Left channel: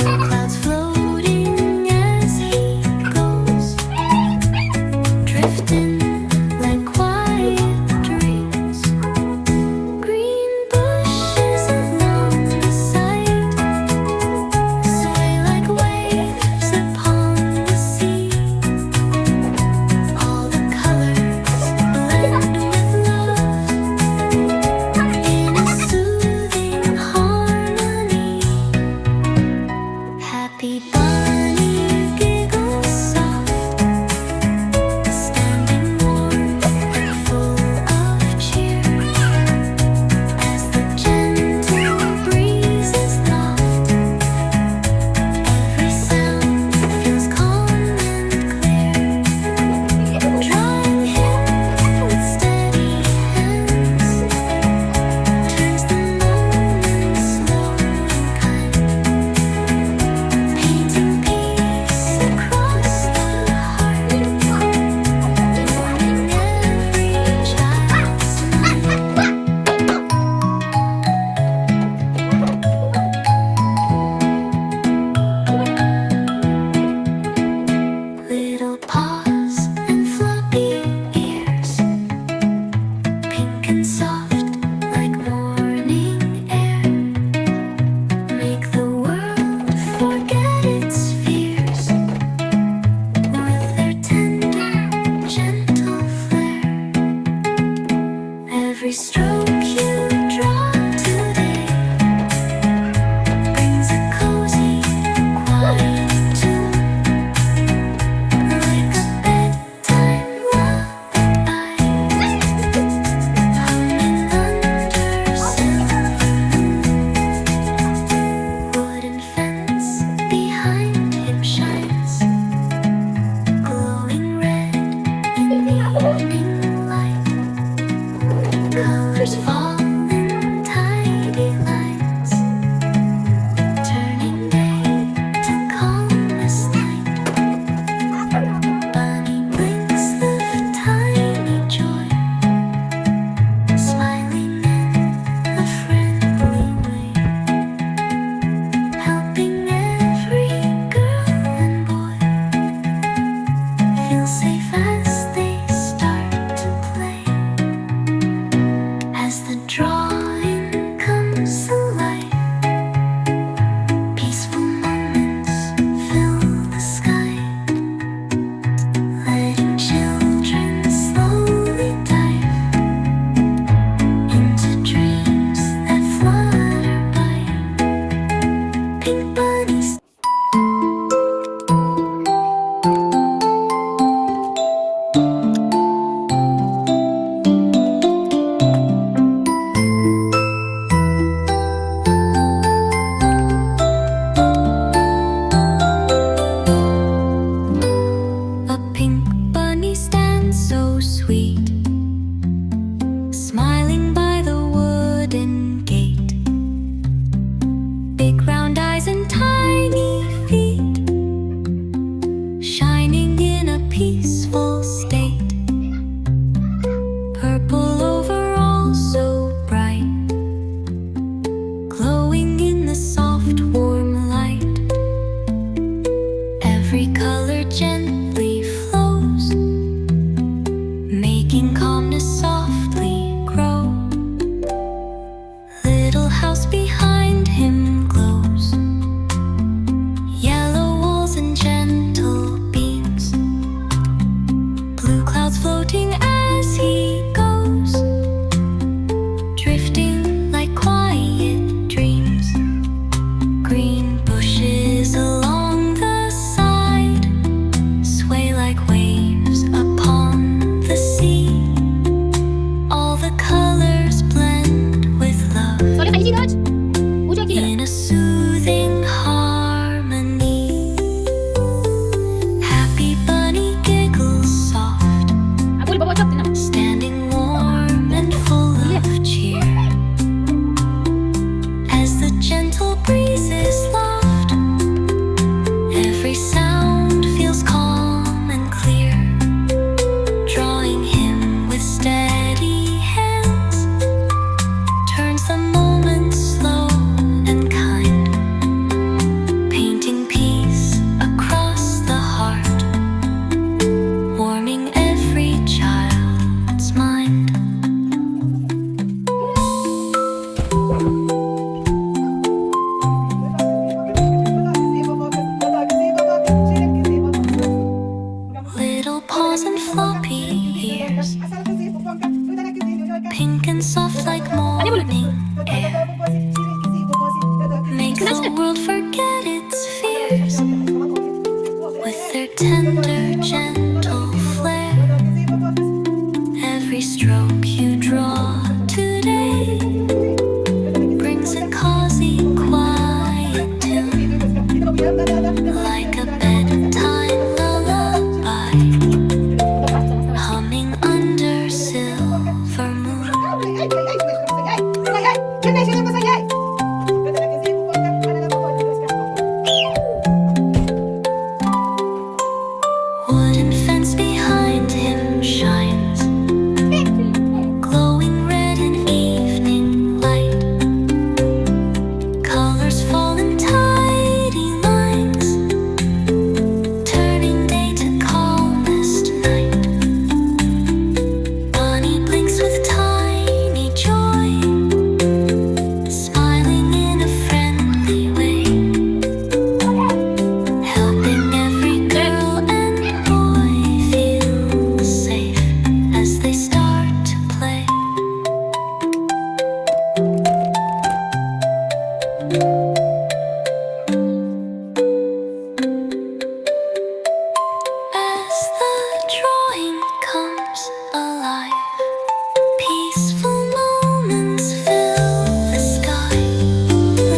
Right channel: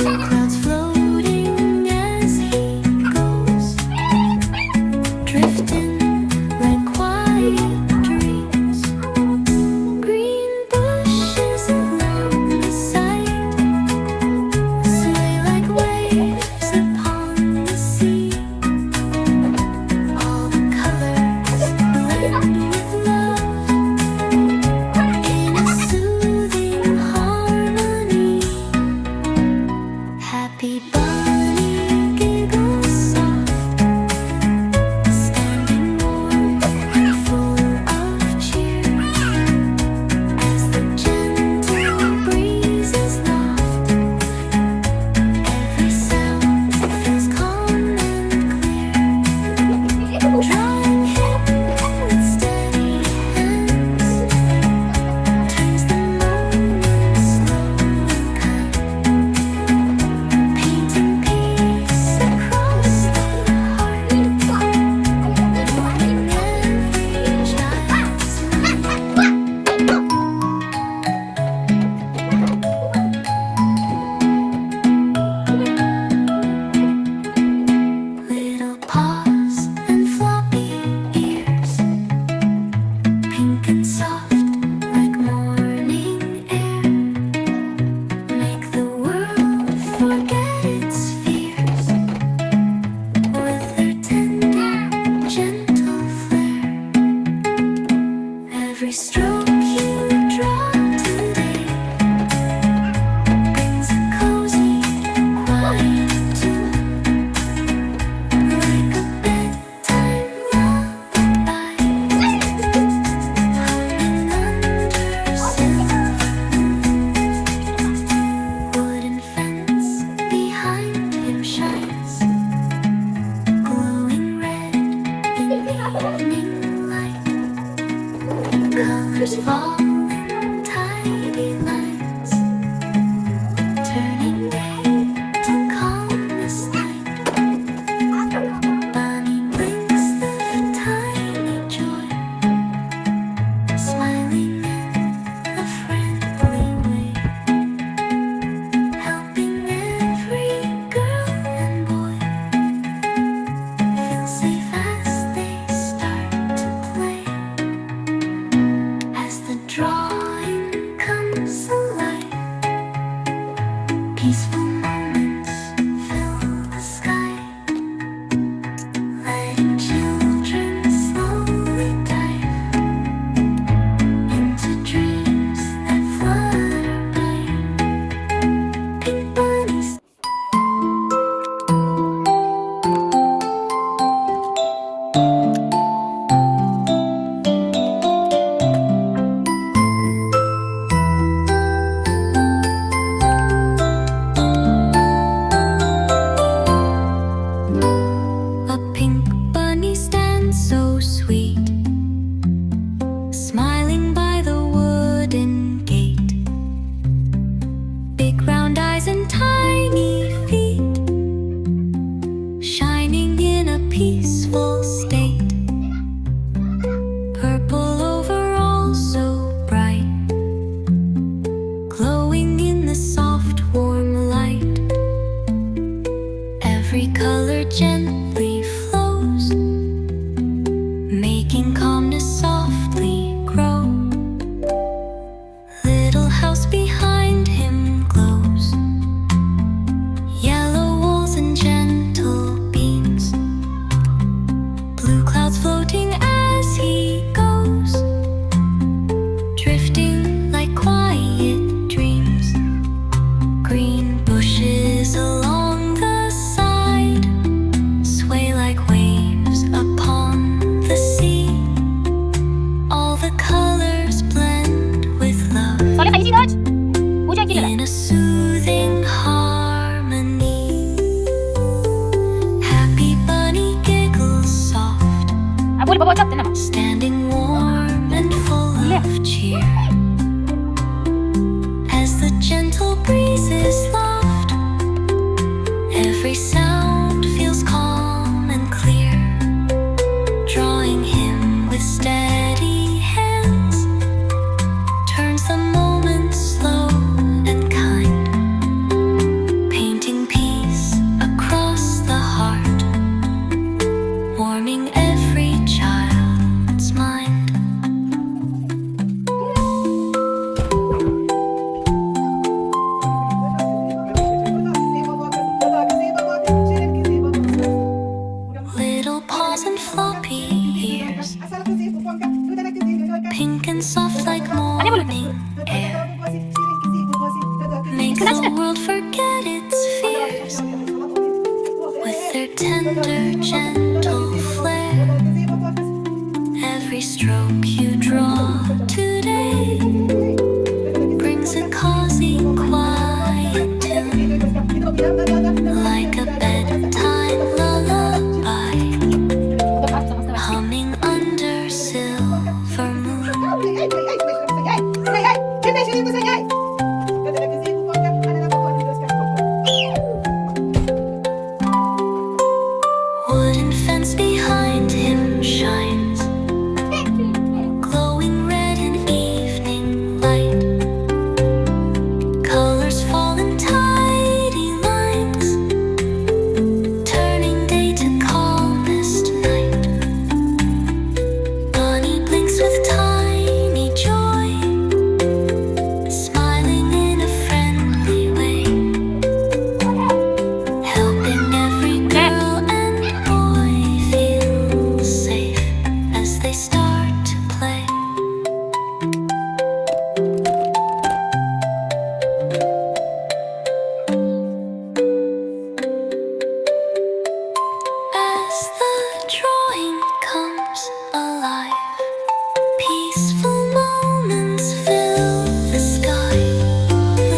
Blue clouds floating as he goes, drifting like quiet dreams. Green bushes along the side sway like waves upon the sea. All the colors blend with love in a soothing harmony. Happy bunny giggles soft, standing warm and full of cheer, as the gentle breezes loft. Every sound feels calm and clear, drawing him with steady hands, turns the moment slow and kind, painting peace across the heart, warming every child's mind. Little paws and floppy ears, pink and soft like morning air, make the world forget its fears with their tender, gentle flair. Every stroke you draw today brings a cozy, quiet tune, like a bedtime lullaby, humming under silver moon. Wooden fence behind him shines, glowing red in evening light. Colors fall in tidy lines, turning day to calmness night. Bunny blinks the tiny joy, smiling in a friendly way, helping every girl and boy feel safe as they start to play. As the drawing comes alive, peaceful moments fill the sky, letting children slowly dive into dreams that flutter by. Pink bunnies. A pink bunny stands so sweet, smiling by the wooden gate. Big round eyes and tiny feet, shining in a peaceful state. Purple overall so bright, glowing in the soft warm light. Every color gently flows, making calmness softly grow. Little house behind him glows, yellow walls and gentle beams. Blue clouds floating as he goes, drifting like quiet dreams. Green bushes along the side sway like waves upon the sea. All the colors blend with love Soleh tadi sini, Dodge. Hujan gila. in a soothing harmony. Happy bunny giggles soft, Boleh bawa cap tenang. standing warm and full of cheer, as the gentle breezes loft. Every sound feels calm and clear, drawing him with steady hands, turns the moment slow and kind, painting and soft like morning air. Make the world forget its fears with their tender, gentle flair. Every stroke you draw today brings a cozy, quiet tune, like a bedtime lullaby, humming under silver moon. Wooden fence behind him shines, glowing red in evening light. Colors fall in tidy lines, turning day to calmest night. Bunny blinks with tiny joy, smiling in a friendly way, helping every girl and boy feel safe as they start to play. As the drawing comes alive, peaceful moments fill the sky,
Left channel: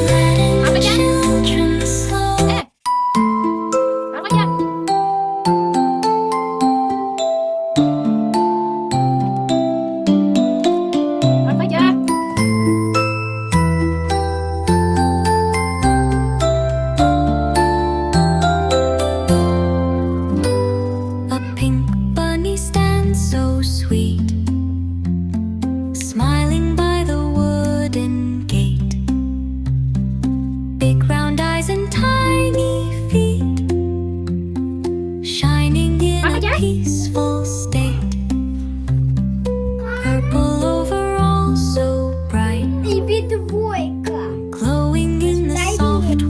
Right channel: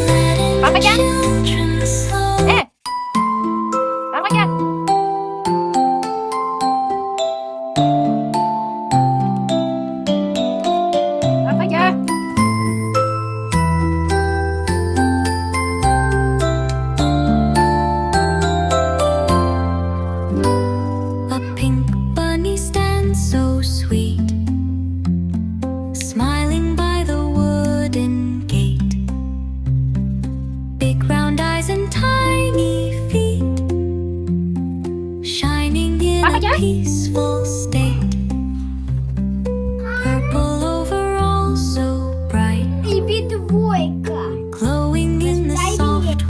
letting Papa Jan. children slow Bang aja. Bang aja. A pink bunny stands so sweet, smiling by the wooden gate. Big round eyes and tiny feet, shining in Papa a Jan. peaceful state.